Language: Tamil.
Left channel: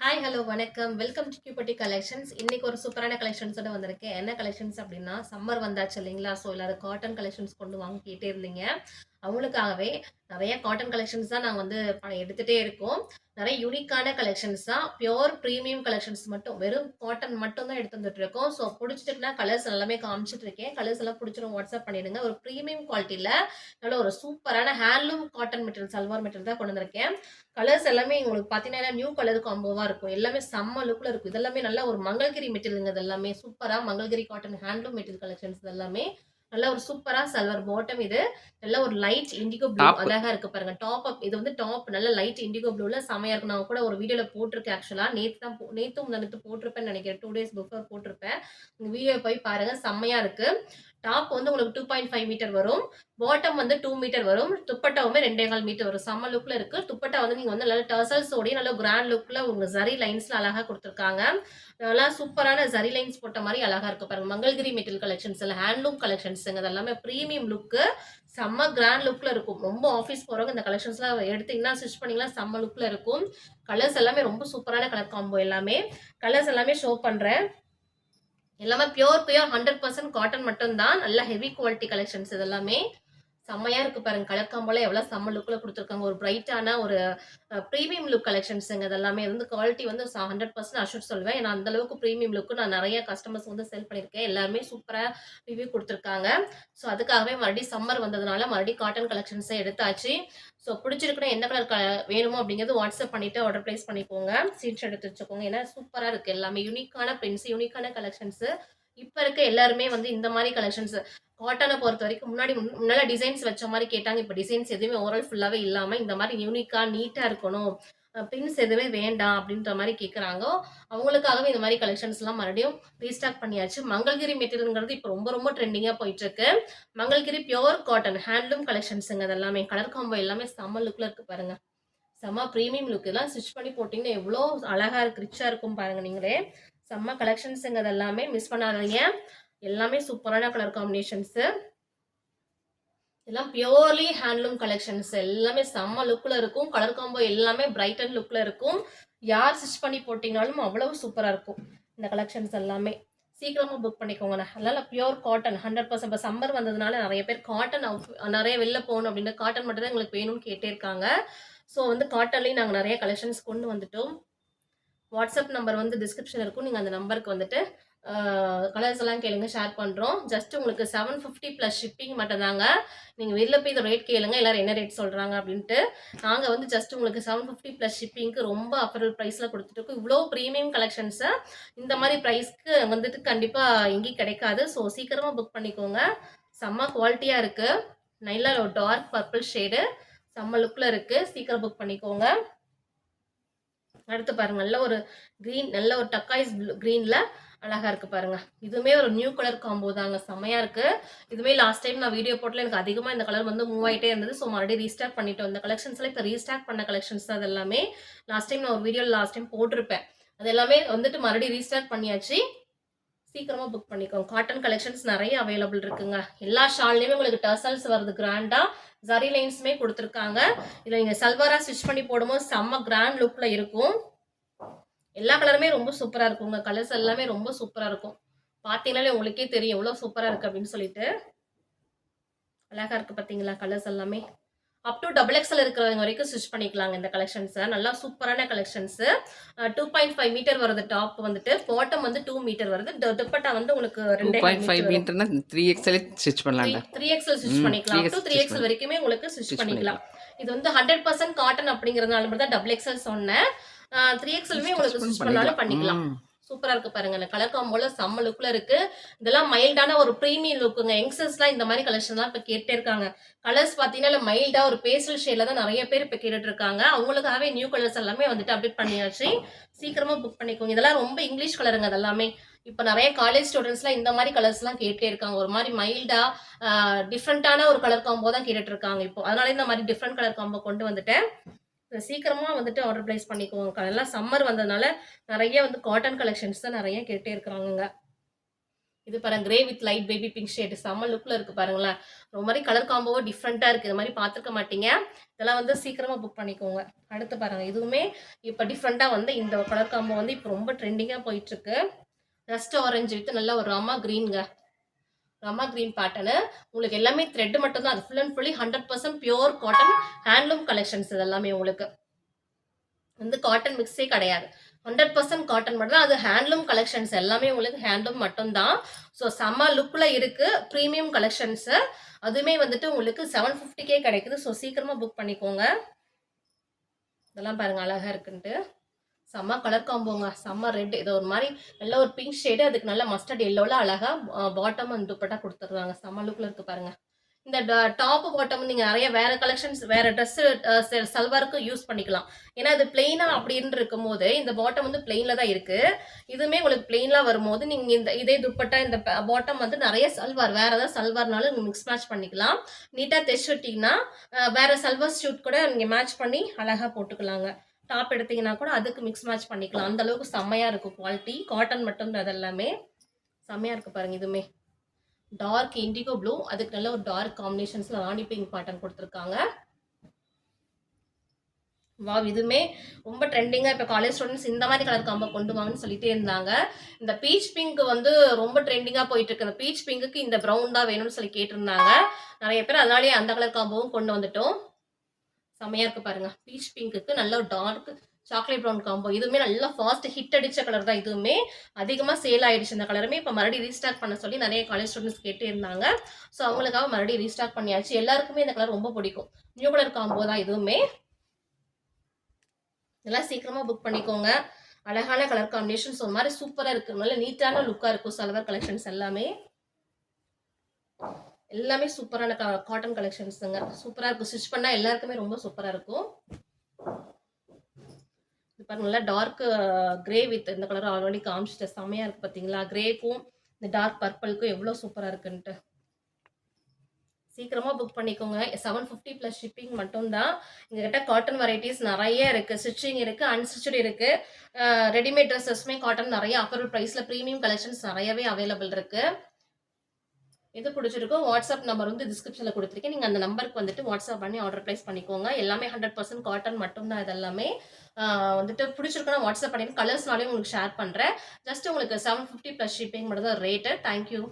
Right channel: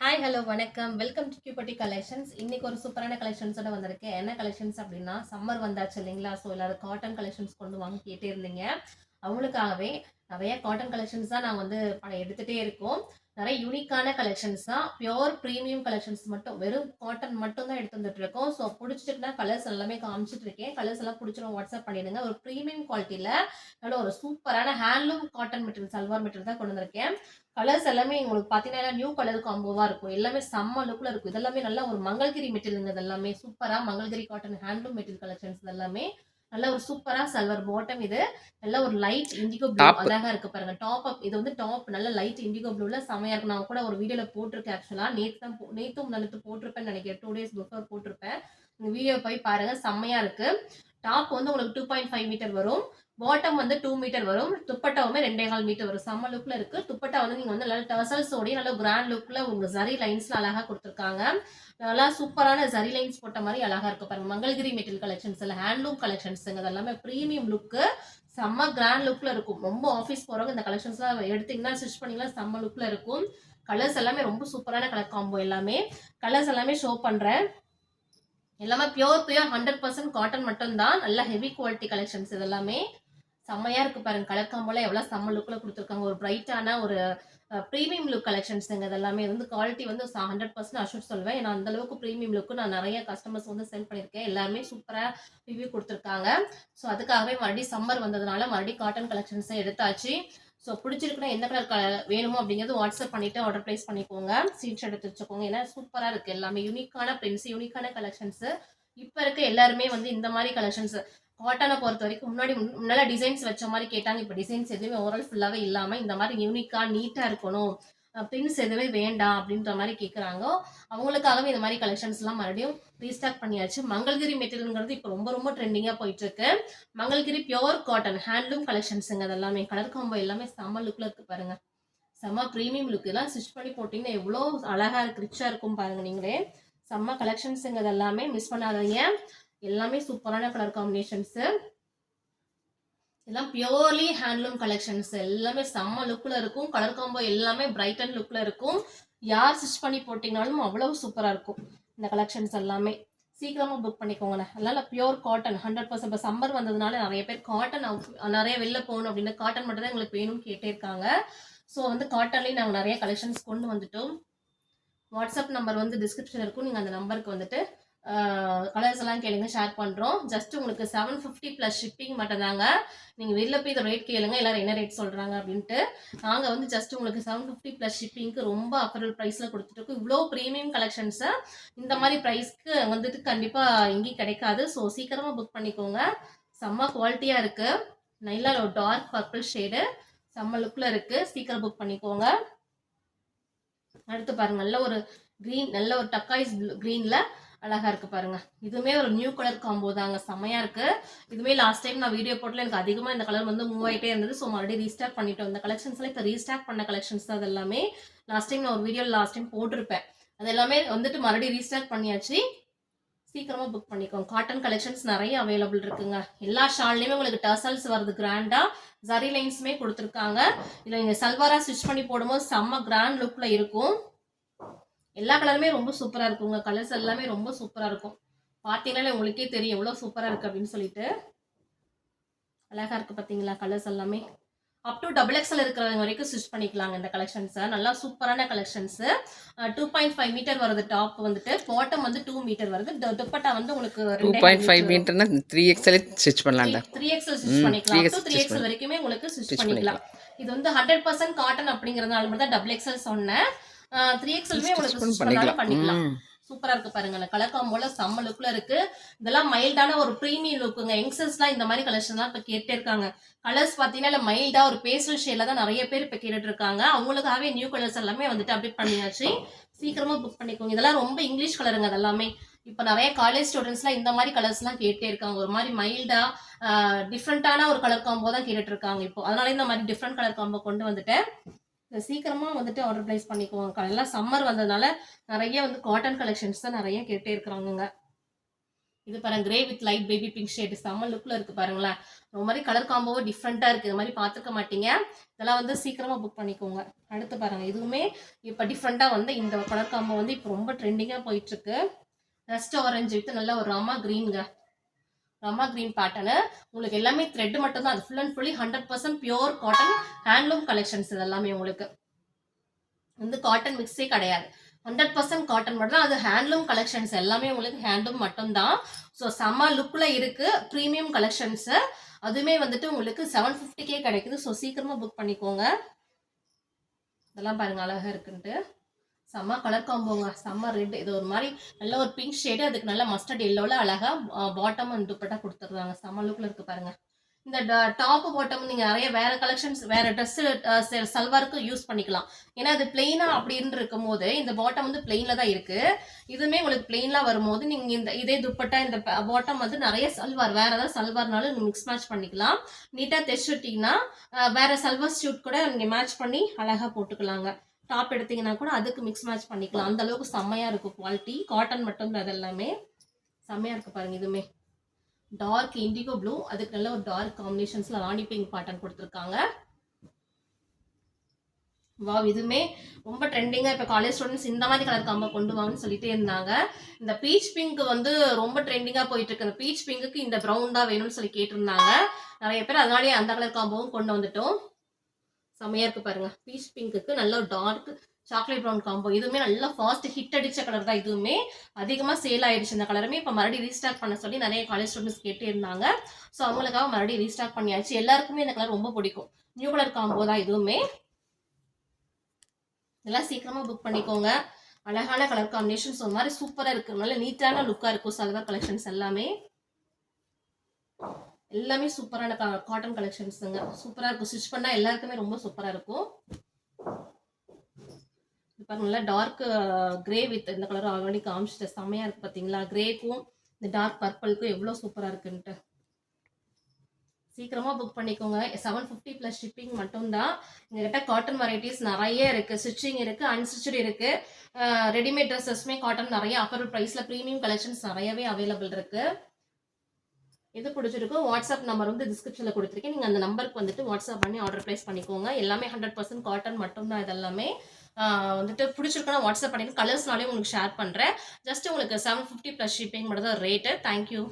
ஹாய் ஹலோ வணக்கம். வெல்கம் டு கியூபட்டி கலெக்ஷன்ஸ் இன்றைக்கி ஒரு சூப்பரான கலெக்ஷன்ஸோட வந்திருக்கேன் என்ன கலெக்ஷன்ஸ் அப்படின்னா சம்மர் வந்தாச்சு இல்லைங்களா? ஸோ எல்லோரும் காட்டன் கலெக்ஷன்ஸ் கொண்டு வாங்க கேட்டே இருந்தீங்க. அவங்களுக்காகவே நிறைய காட்டன் கலெக்ஷன்ஸ் தான் நாங்கள் வந்து எடுத்துகிட்டே இருக்கோம். நிறைய யூனிக்கான கலெக்ஷன்ஸ் தான். பியோர் ப்ரீமியம் கலெக்ஷன்ஸ் மட்டும் வெறும் காட்டன் மட்டும் தான் எடுத்து வந்துட்டு இருக்கோம். ஸோ பிடிச்சிட்டுனா கலர்ஸ் எல்லாமே காமிச்சிட்டு இருக்கேன். கலர்ஸ் எல்லாம் பிடிச்சிடும் வாட்ஸ்அப் பண்ணிடுங்க. ஒரு ப்ரீமியம் குவாலிட்டியில் நல்ல ஒரு சூப்பரான handloom cotton material salwar material தான் கொண்டு வந்திருக்கேன். கலர்ஸ் எல்லாமே உங்களுக்கு பார்த்தீங்கன்னா நியூ கலர் காம்போவாக இருக்கும். எல்லாமே செம்ம லுக்கில் இருக்கும். இதெல்லாமே நல்ல ஒரு மங்கள்கிரி மெட்டீரியலுங்க இது எல்லாமே சூப்பராக Mangalagiri cotton handloom material collections எல்லாமே நல்ல ஒரு சூப்பராக சல்வர் பாட்டம் இது. நல்ல ஒரு லைட் இண்டிகோ ப்ளூ Top. அழகா இருக்கு பாருங்க. டாப் அப் இது வந்து டாப் நல்ல லைட் இண்டிகோ ப்ளூல செமையா இருக்கு நான் கூட ஒரு வீடியோல போட்டிருக்கேன் ஆக்சுவலா நேத்து தான் நேத்தும் முந்தானத்து போட்டிருப்பேன்னு நினைக்கிறேன். டூ டேஸ் பிஃபோர் போட்டிருப்பேன். இந்த வீடியோ போய் பாருங்க. செம்மையா இருக்கு. டாப் வந்து உங்களுக்கு டூ பாயிண்ட் ஃபைவ் மீட்டர் வரும். பாட்டம் வந்து டூ மீட்டர் வரும். துப்பட்டாவுமே ரெண்டே கால் மீட்டர் வரும். செம்ம லுக்ல இருக்கு. துப்பட்டா வந்து நீங்க வந்து நல்ல டர்சல்ஸோடய நல்ல கிராண்ட் லுக்ல உங்க ஜரி லைன்ஸ்ல அழகா கொடுத்துருக்காங்க. நல்லா சூப்பரான ஜரி லைன்ஸ் போட்ட மாதிரி அழகா இருக்கு பாருங்க. மங்கள்கிரி மெட்டீரியல் கலெக்ஷன்ஸ் எல்லாம் ஹேண்ட்லூம் கலெக்ஷன்ஸுங்க அது எல்லாமே ப்ரீமியம் லுக்கு செம்ம கிராண்ட் லுக்ல இருக்கும். ரொம்ப ஆஃபீஸ் போறவங்க இந்த கலெக்ஷன்ஸ்லாம் எடுத்தீங்கன்னா ஸ்டிச் பண்ணீங்கன்னா செம்ம லுக்ல இருக்கும். கலர்ஸ் எல்லாமே ரொம்ப சூப்பரான கலர் காம்போ எல்லாமே. கலர்ஸ் எல்லாமே ஷோ பண்றேன். எல்லாமே pure pure hundred percent cotton மட்டும்தான். நல்ல ஹெவி குவாலிட்டி கலெக்ஷன்ஸ் இது எல்லாமே செம்மையா இருக்கு பாருங்க. கலர் எவ்வளவு செம்ம லுக்ல கொடுத்துருக்காங்க. ஒரு பிரைட்டான ஒரு ப்ரீமியம் லுக் கலெக்ஷன்ஸுங்க இதெல்லாமே வந்து குவாலிட்டி வந்து ஹண்ட்ரட் பர்சன்ட் அஷூர் சொல்வேன் ஏன்னா அந்த அளவுக்கு ப்ரீமியம் லுக்கு நான் நிறைய கஸ்டமர்ஸ் வந்து செல் பண்ணியிருக்கேன். எல்லாருமே சூப்பராக ரிவ்யூ கொடுத்துருக்காங்க. ஸோ அதுக்காகவே மறுபடியும் சம்மர் வந்ததுனால மறுபடியும் காட்டன் கலெக்ஷன்ஸை எடுத்தாச்சு. ஸோ பிடிச்சிருக்குன்னா எந்த கலர் க வேணுமோ அப்படிங்கிறது வாட்ஸ்அப் பண்ணிட்டு ஆர்டர் ப்ளேஸ் பண்ணிக்கோங்க. ஸ்க்ரீன்ஷாட் எடுத்து வச்சுக்கோங்க. ஏன்னா சூப்பராக இருக்குது எல்லாமே. யூனிக்கான பிரிண்ட்ஸ் யூனிக்கான கலெக்ஷன்ஸு இப்போ இருக்க எல்லாருமே வந்து இந்த மாதிரி கலெக்ஷன்ஸ் காட்டனை பொறுத்த வரைக்கும் முன்னாடி முன்- முன்னால டிசைன்ஸ் வச்ச மாதிரி கேட்டாங்க. இப்போ டிசைன்ஸ் எதுவுமே ஓவரால் ஃபுல்லாகவே இல்லாமல் இந்த மாதிரி யூனிக்காக நீட்டாக இருக்கணும். பின்ஸ் எதுவுமே வேண்டாம் அப்படின்ற மாதிரி கேட்குறாங்க அவங்களுக்காகவே இந்த மாதிரி கலெக்ஷன்ஸ்லாம் மறுபடியும் ரீஸ்டாக் பண்ணியாச்சு. மங்கள்கிரி மெட்டீரியல்ங்கிறது இப்போ ரொம்ப ரொம்ப ட்ரெண்டிங்காக போயிட்டு இருக்கு மங்கள்கிரி பியோர் காட்டன் ஹேண்ட்லூம் கலெக்ஷன்ஸுங்க அது எல்லாமே கலர் காம்போ எல்லாமே செம்ம லுக்கில் இருக்கு பாருங்க. செம்ம ப்ரீமியம் லுக் இதெல்லாம் ஸ்டிச் பண்ணி போட்டிங்கன்னா எவ்வளோ அழகாக இருக்கு ரிச்சாக இருக்கும் பாருங்க நீங்களே. செம்ம கலெக்ஷன்ஸுங்கிறது எல்லாமே மிஸ் பண்ணாதீங்க. எல்லாமே சூப்பரான கலர் காம்பினேஷன்ஸு எல்லாம் பியோர்லி ஹேண்ட்லூம் கலெக்ஷன்ஸ் எல்லாமே செம்ம லுக்கில் இருக்கும். கலர் காம்போ எல்லாமே பிரைட் அண்ட் லுக்கில் இருக்கும். யார் ஸ்டிச் பண்ணி போட்டிங்கனாலும் அவ்வளவு சூப்பராக இருக்கும். இந்த கலெக்ஷன்ஸ் எல்லாமே. சீக்கிரமாக புக் பண்ணிக்கோங்க. அதனால பியோர் காட்டன் ஹண்ட்ரட் பர்சன்ட் இப்போ சம்மர் வந்ததுனால நிறைய பேர் காட்டன் நிறைய வெளில போகணும் அப்படின்னு காட்டன் மட்டும் தான் எங்களுக்கு வேணும்னு கேட்டே இருக்காங்க. ஸோ வந்து காட்டன்லேயும் நாங்கள் நிறைய கலெக்ஷன்ஸ் கொண்டு வந்துட்டோம். வாட்ஸ்அப் நம்பர் வந்து டிஸ்கிரிப்ஷன் இருக்கும். நீங்கள் அந்த நம்பருக்கு வந்துட்டு கலர்ஸ் எல்லாம் கேளுங்க ஷேர் பண்ணுறோம் ஜஸ்ட் உங்களுக்கு செவன் ஃபிஃப்டி ப்ளஸ் ஷிப்பிங் மட்டும் தாங்க. நீங்கள் வெளில போய் இந்த ரேட் கேளுங்க எல்லாரும் என்ன ரேட் சொல்கிறாங்க அப்படின்ட்டு. நாங்கள் வந்து ஜஸ்ட் உங்களுக்கு செவன் ஃபிஃப்டி ப்ளஸ் ஷிப்பிங்க்கு ரொம்ப அஃபர்டபுள் ப்ரைஸில் கொடுத்துட்ருக்கோம் இவ்வளோ ப்ரீமியம் கலெக்ஷன்ஸை இந்த மாதிரி ப்ரைஸ்க்கு வந்துட்டு கண்டிப்பாக எங்கேயும் கிடைக்காது. ஸோ சீக்கிரமாக புக் பண்ணிக்கோங்க. செம்ம குவாலிட்டியாக இருக்குது நல்லா ஒரு டார்க் பர்பிள் ஷேடு செம்ம லுக்கில் இருக்குது சீக்கிரம் புக் பண்ணிக்கோங்க. அடுத்து பாருங்க நல்ல ஒரு க்ரீன் நல்ல ஒரு டக்காய்ஸ் க்ரீனில் அழகா இருக்கு பாருங்க. இதுவுமே ஒரு நியூ கலர் காம்போ தாங்க செமையா இருக்கு. இதுவே லாஸ்ட் டைம் நான் வீடியோ போட்டல எனக்கு அதிகமாக இந்த கலர் வந்து மூவ் ஆயிட்டே இருந்தது. ஸோ மறுபடியும் ரீஸ்டார்ட் பண்ணிட்டோம். இந்த கலெக்ஷன்ஸ்ல இப்போ ரீஸ்டார்ட் பண்ண கலெக்ஷன்ஸ் தான் அது எல்லாமே லாஸ்ட் டைம் நான் ஒரு வீடியோ லாஸ்ட் டைம் போட்டிருப்பேன். அது எல்லாமே வந்துட்டு மறுபடியும் ரீஸ்டார்ட் பண்ணியாச்சு. சீக்கிரமாக புக் பண்ணிக்கோங்க. காட்டன் கலெக்ஷன்ஸ் நிறைய அவைலபிள் இருக்குங்க. எல்லா ஷால்லையுமே உங்களுக்கு டர்சல்ஸ் வருது. கிராண்டாக ஜரி லைன்ஸுமே கொடுத்துருக்காங்க. இதில் நீங்கள் சல்வாராக ஸ்டிச் பண்ணி போடும்போது செம்ம கிராண்ட் லுக்கில் இருக்கும். எல்லா கலருமே ரொம்ப சூப்பராக இருக்குங்க. கலர்ஸ் எல்லாமே ரொம்ப சூப்பராக இருக்கும். பார்த்தீங்கன்னாலே உங்களுக்கே தெரியும். எவ்வளோ சூப்பராக இருக்குது அப்படின்னு சொல்லிட்டு. அழகாக இருக்குது பார்த்தீங்களா கலர்ஸ் எல்லாமே. அப் டு டபுள் எக்ஸல் இருக்கிறவங்க வரைக்கும் ஸ்டிச் பண்ணிக்கலாங்க இந்த கலெக்ஷன்ஸை நல்லா சூப்பரான collections two point five metre வருது டாப் வந்துட்டு. பாட்டம் வந்து டூ மீட்டர் வருது. துப்பட்டா வந்து உங்களுக்கு டூ பாயிண்ட் ஃபைவ் மீட்டர்னா த்ரீ எக்ஸ்எல்லே ஸ்டிச் பண்ணலாம்டா த்ரீ எக்ஸல் ஸ்டிச் பண்ணிக்கலாம். 3XL டூ த்ரீ எக்ஸல் வரைக்குமே உங்களுக்கு ஸ்டிச் பண்ணிக்கலாம். இது வந்து ஹண்ட்ரட் பர்சன்ட் காட்டன் அப்படிங்கறதுனால மட்டும் தான் டபுள் எக்ஸல் சொன்னேன். த்ரீ எக்ஸலுமே உங்களுக்கு ஸ்டிச் பண்ணாலும் பண்ணிக்கலாம். சூப்பராக சூப்பரா இருக்கு பாருங்க. இந்த கலர் காம்போல செம்ம லுக்ல இருக்கு. இதெல்லாம் மைல்டான ஒரு ப்ரீமியம் லுக்குங்க யங்ஸ்டர்ஸ்லாம் இந்த மாதிரி கலெக்ஷன் இப்போ இப்ப கேட்டே இருக்காங்க. கலர்ஸ் பாத்தீங்கன்னா மைல்டா ஒரு பேஸ்டல் ஷேட்ல தான் நிறைய பேர் இப்ப கேட்டுட்டு இருக்காங்க. அவங்களுக்காகவே நியூ கலர்ஸ் எல்லாமே வந்துட்டு அப்டேட் பண்ணியாச்சு. சீக்கிரமா புக் பண்ணிக்கோங்க. இதெல்லாம் ரொம்ப இங்கிலீஷ் கலருங்க அதெல்லாமே இப்போ நிறைய காலேஜ் ஸ்டூடெண்ட்ஸ்லாம் இந்த மாதிரி கலர்ஸ்லாம் கேட்டே இருக்காங்க. ஒரு மாதிரி மைல்டா டிஃப்ரெண்ட்டான ஒரு கலர் காம்போ தான் கேட்டுட்டு இருக்காங்க இப்போ. அதனால இந்த மாதிரி டிஃப்ரெண்ட் கலர் காம்போ கொண்டு வந்துட்டேன். சீக்கிரமாக வந்துட்டு ஆர்டர் பிளேஸ் பண்ணிக்கோங்க எல்லாம் சம்மர் வந்ததுனால நிறைய வந்து காட்டன் கலெக்ஷன்ஸ் தான் நிறைய கேட்டே இருக்கிறாங்கங்க. இது பாருங்க grey with light baby pink shade செம்ம லுக்கில் இருக்குது பாருங்களேன். ஒரு மாதிரி கலர் காம்போவோ டிஃப்ரெண்ட்டாக இருக்குது இது மாதிரி பார்த்துருக்க மாட்டீங்க. இதெல்லாம் வந்து சீக்கிரமாக புக் பண்ணிக்கோங்க. அடுத்து பாருங்கள் இதுவுமே இப்போ டிஃப்ரெண்ட்டாக வந்து இந்த கலர் காம்போ வந்து இப்போ ரொம்ப ட்ரெண்டிங்காக போயிட்டுருக்கு ரஸ்ட் ஆரஞ்சு வித்து நல்ல ஒரு ராமா க்ரீனுங்க ரம்மா க்ரீன் பேட்டர்னு உங்களுக்கு எல்லாமே த்ரெட் மட்டும்தான். அது full and fully hundred percent pure cotton handloom collections இது எல்லாமே உங்களுக்கு. வந்து காட்டன் மிக்ஸே கிடையாது. ஹண்ட்ரட் பர்சன்ட் காட்டன் மட்டும் தான் அது ஹேண்ட்லூம் கலெக்ஷன்ஸ் எல்லாமே உங்களுக்கு ஹேண்ட்லூம் மட்டும்தான். ஸோ செம்ம லுக்கில் இருக்குது ப்ரீமியம் கலெக்ஷன்ஸு அதுவுமே வந்துட்டு உங்களுக்கு செவன் ஃபிஃப்டிக்கே கிடைக்குது. ஸோ சீக்கிரமாக புக் பண்ணிக்கோங்க. இதெல்லாம் பாருங்கள் அழகாக இருக்குன்ட்டு. செம்ம கலர் காம்போங்க செம்ம ரெட் இது ஒரு மாதிரி நல்ல ஒரு பிங்க் ஷேடு அதுக்கு நல்ல மஸ்டர்ட் எல்லோவில் அழகாக பாட்டம் அண்ட் துப்பட்டா கொடுத்துருக்காங்க செம்ம லுக்கில் இருக்குது பாருங்க. இந்த டாப் பாட்டம் நீங்கள் நிறைய வேற கலெக்ஷன்ஸ் வேற ட்ரெஸ்ஸு சல்வாருக்கு யூஸ் பண்ணிக்கலாம். ஏன்னா இது பிளெயினாக அப்படின்னு இருக்கும்போது இந்த பாட்டம் வந்து பிளெயினில் தான் இருக்குது இதுவுமே உங்களுக்கு பிளெயினாக வரும்போது நீங்கள் இந்த இதே துப்பட்டா இந்த பாட்டம் வந்து நிறைய சல்வார் வேற ஏதாவது சல்வார்னாலும் நீங்கள் மிக்ஸ் மேட்ச் பண்ணிக்கலாம். நீட்டாக தைச்சுட்டிங்கன்னா வேற சல்வார் ஷூட் கூட நீங்கள் மேட்ச் பண்ணி அழகாக போட்டுக்கலாங்க. டாப் எடுத்தீங்கன்னா கூட அதுக்கு மிக்ஸ் மேட்ச் பண்ணிக்கலாம். அந்த அளவுக்கு செம்மையாக இருக்கும் குவாலிட்டி காட்டன் மட்டும் தான் அது எல்லாமே செம்மையாக இருக்குது பாருங்க இதுவுமே. டார்க் இண்டிகோ ப்ளூ அதுக்கு நல்ல ஒரு டார்க் காம்பினேஷன்ஸில் ராணி பிங்க் பாட்டன் கொடுத்துருக்காங்க. வா இதுவுமே ரொம்ப ட்ரெண்டிங்காக இப்போ காலேஜ் ஸ்டூடெண்ட்ஸ் இந்த மாதிரி கலர் காம்போ கொண்டு வாங்கன்னு சொல்லிட்டே இருந்தாங்க. இந்த பீச் பிங்க் வந்து ரொம்ப ட்ரெண்டிங்காக போயிட்டு இருக்கு. அந்த பீச் பிங்க்குக்கு இந்த ப்ரௌன் தான் வேணும்னு சொல்லி கேட்டிருந்தாங்க. நிறைய பேர் அதனாலேயே அந்த கலர் காம்போவும் கொண்டு வந்துட்டோம். செமையாக இருக்கு பாருங்க. பீச் பிங்க்குக்கு நல்ல ஒரு டார்க் சாக்லேட் ப்ரௌன் காம்போ இதுவுமே நல்லா ஃபாஸ்ட் ஹிட் அடிச்ச கலர் தான் இதுவுமே. அதிகமாக சேல் ஆயிடுச்சு இந்த கலருமே இப்போ மறுபடியும் ரீஸ்டாக் பண்ண சொல்லி நிறைய காலேஜ் ஸ்டூடெண்ட்ஸ் கேட்டு இருந்தாங்க. ஸோ அவங்களுக்காக மறுபடியும் ரீஸ்டாக் பண்ணியாச்சு. எல்லாருக்குமே இந்த கலர் ரொம்ப பிடிக்கும். நியூ கலர் காம்போ தான் இதுவுமே. இதெல்லாம் சீக்கிரமாக புக் பண்ணிக்கோங்க. அழகான கலர் காம்பினேஷன்ஸ் ஒரு மாதிரி சூப்பராக இருக்கு. நல்ல நீட்டான லுக்காக இருக்கும். சல்வார் கலெக்ஷன்ஸ் எல்லாமே. எல்லாமே சூப்பரான காட்டன் கலெக்ஷன்ஸுங்க சூப்பராக இருக்கும். ஸ்டிச் பண்ணால் எல்லாருக்குமே ரொம்ப சூப்பராக இருக்கும். இது டார்க் கிரே வித் இந்த கலர் ஆல்ரெடி காமிச்சிட்டு செம்மையாக இருக்குது பார்த்தீங்களா கிரேக்கும் இந்த டார்க் பர்பிளுக்கும் எவ்வளோ சூப்பராக இருக்குன்ட்டு. சீக்கிரமாக புக் பண்ணிக்கோங்க. செவன் ஃபிஃப்டி ப்ளஸ் ஷிப்பிங் மட்டும்தான். எங்ககிட்ட காட்டன் வெரைட்டிஸ் நிறைய இருக்குது ஸ்டிச்சிங் இருக்குது அன்ஸ்டிச்சட் இருக்குது ரெடிமேட் ட்ரெஸ்ஸஸ்மே காட்டன் நிறைய ஆஃபர் ப்ரைஸில் ப்ரீமியம் கலெக்ஷன்ஸ் நிறையவே அவைலபிள் இருக்குது எது பிடிச்சிருக்கோ வாட்ஸ்அப் நம்பர் வந்து டிஸ்கிரிப்ஷனில் கொடுத்துருக்கேன். நீங்கள் அந்த நம்பருக்கு வந்துட்டு வாட்ஸ்அப் பண்ணி ஆர்டர் ப்ளேஸ் பண்ணிக்கோங்க. எல்லாமே ஹண்ட்ரட் பர்சன்ட் காட்டன் மட்டும்தான் இதெல்லாமே. வந்துட்டு பிடிச்சிருக்குன்னா வாட்ஸ்அப் பண்ணி கலர்ஸ்னாலே உங்களுக்கு ஷேர் பண்ணுறேன் ஜஸ்ட் உங்களுக்கு செவன் ஃபிஃப்டி ப்ளஸ் ஷிப்பிங் மட்டும் தான் ரேட்டு தேங்க்யூ